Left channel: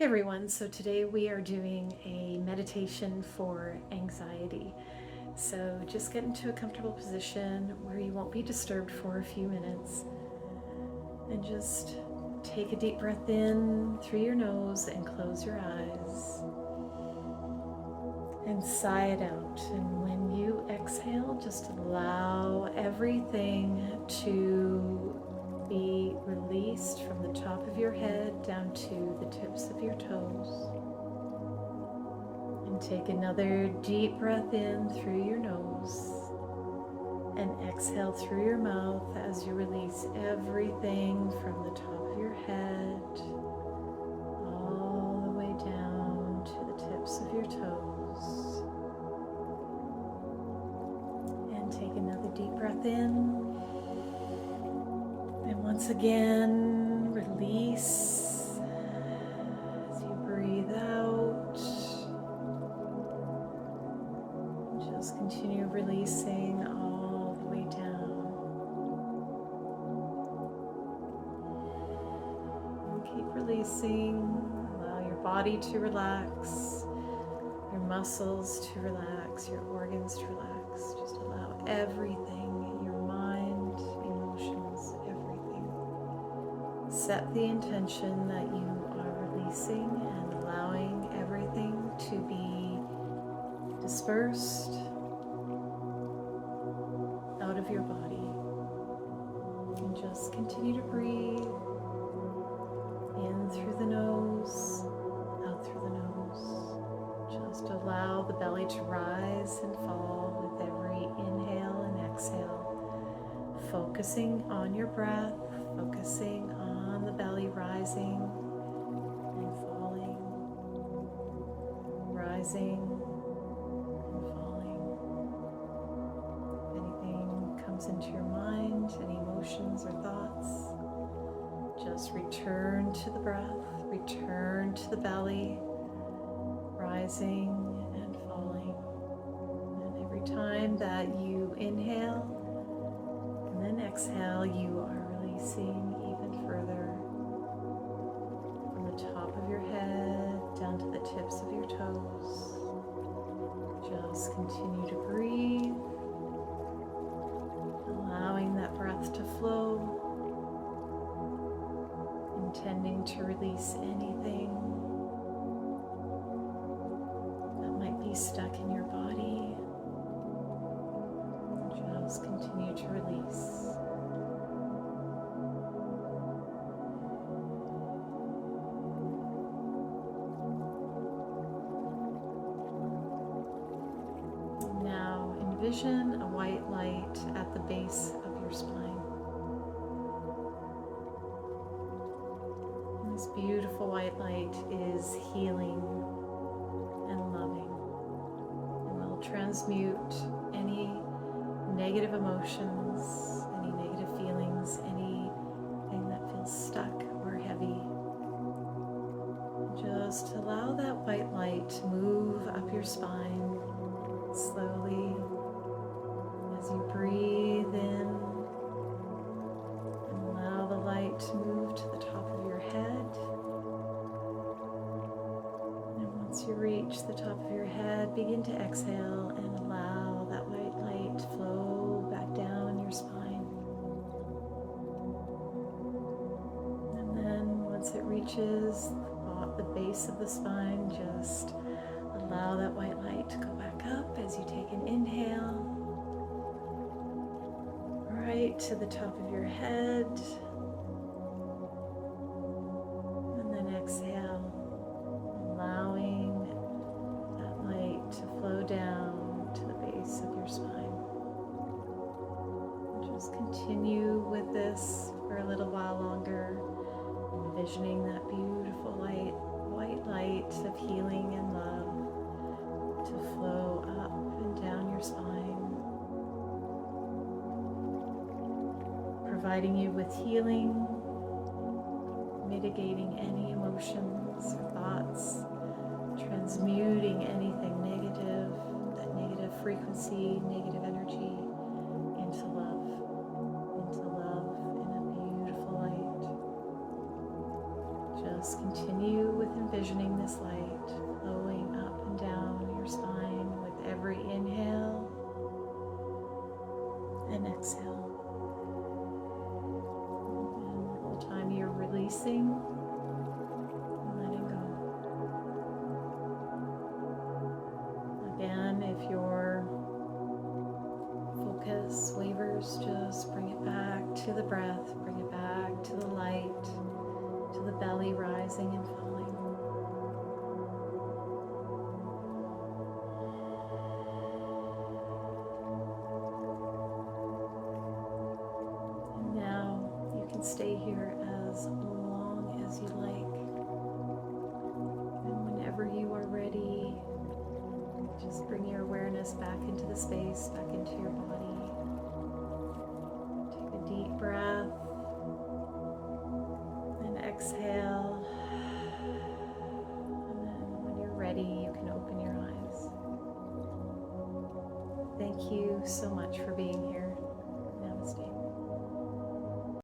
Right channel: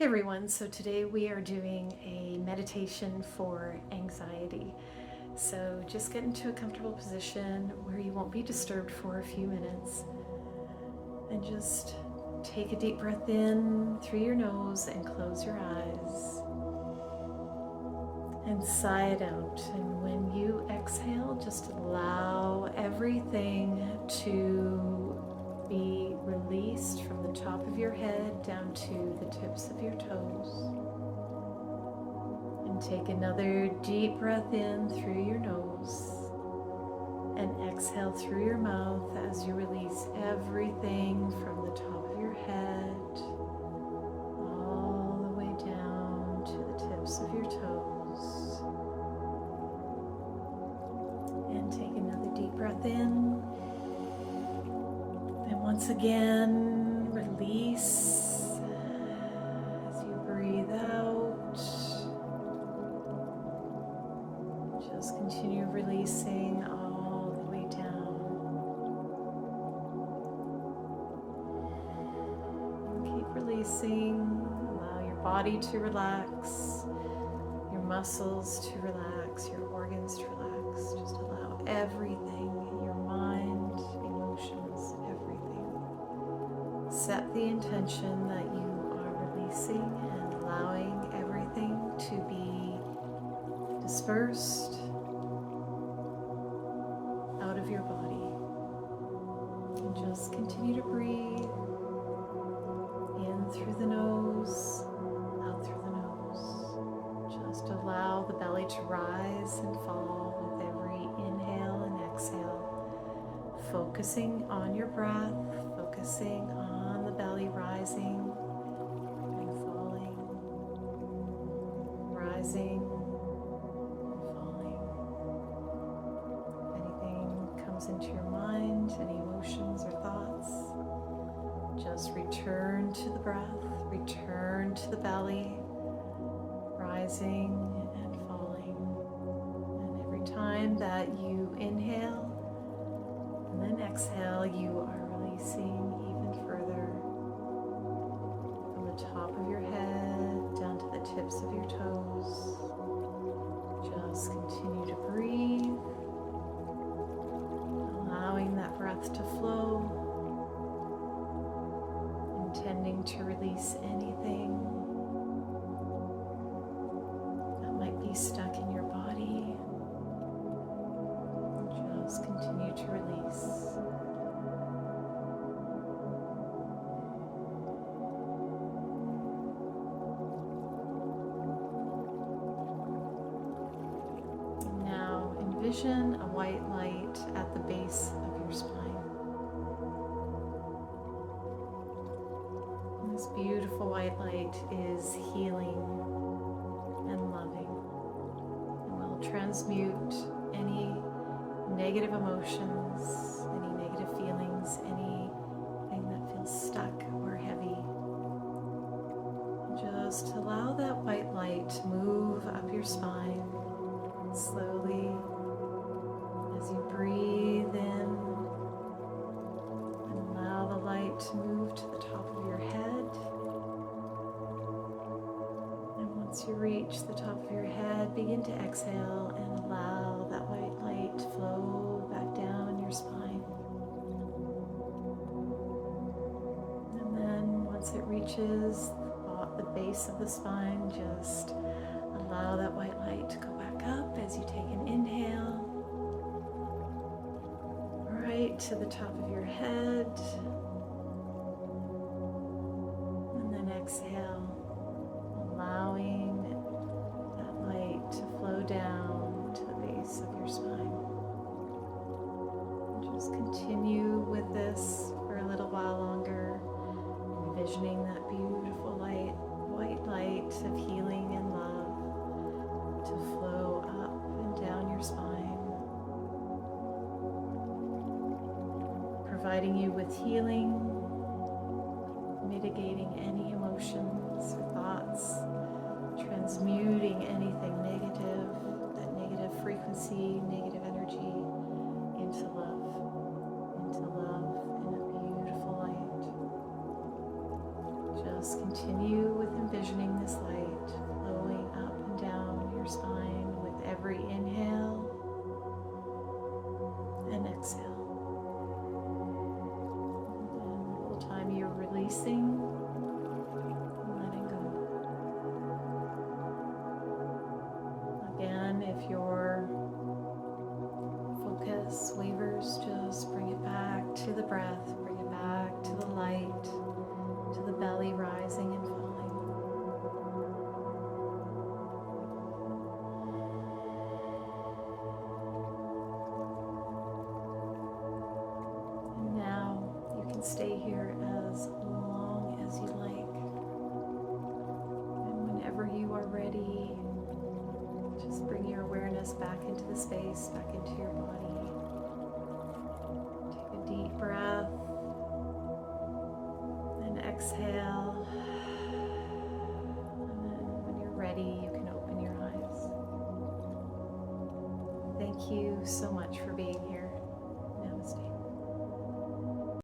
Hey everyone, so today we are doing a meditation for anxiety. So just get into a comfortable position where you won't be disturbed for a few minutes and just take a deep breath in through your nose and close your eyes and sigh it out. And when you exhale, just allow everything to be released from the top of your head down to the tips of your toes. And take another deep breath in through your nose and exhale through your mouth as you release everything from the top of your head all the way down to the tips of your toes. And take another deep breath in. And once again, release as you breathe out. Just continue releasing all the way down. And keep releasing. Allow your body to relax, your muscles to relax, your organs to relax. Just allow everything, your mind, emotions, everything. Set the intention that you are releasing and allowing everything to be dispersed out of your body. And just continue to breathe in through the nose, out through the nose. Just allow the belly to rise and fall with every inhale and exhale. Focusing on your breath, focusing on the belly rising and falling, rising and falling. If anything comes into your mind, any emotions or thoughts, just return to the breath, return to the belly, rising and falling. And every time that you inhale and then exhale, you are releasing even further from the top of your head down to the tips of your toes. Just continue to breathe, allowing that breath to flow, intending to release anything that might be stuck in your body. Just continue to release. Now envision a white light at the base of your spine. And this beautiful white light is healing and loving and will transmute any negative emotions, any negative feelings, anything that feels stuck or heavy. Just allow that white light to move up your spine slowly as you breathe in, and allow the light to move to the top of your head. And once you reach the top of your head, begin to exhale and allow that white light to flow back down your spine. And then once it reaches the base of the spine, just allow that white light to go back up as you take an inhale, right to the top of your head, and then exhale, allowing that light to flow down to the base of your spine. And just continue with this for a little while longer, envisioning that beautiful light, white light of healing and love to flow up and down your spine, providing you with healing, mitigating any emotions or thoughts, transmuting anything negative, that negative frequency, negative energy, into love in a beautiful light. Just continue with envisioning this light flowing up and down your spine with every inhale and exhale. And the whole time you're releasing and letting go. Again, if your focus wavers, just bring it back to the breath, bring it back to the light, to the belly rising and falling. And now you can stay here as long as you like. And whenever you are ready, just bring your awareness back into the space, back into your body. Take a deep breath and exhale. And then when you're ready, you can open your eyes. Thank you so much for being here.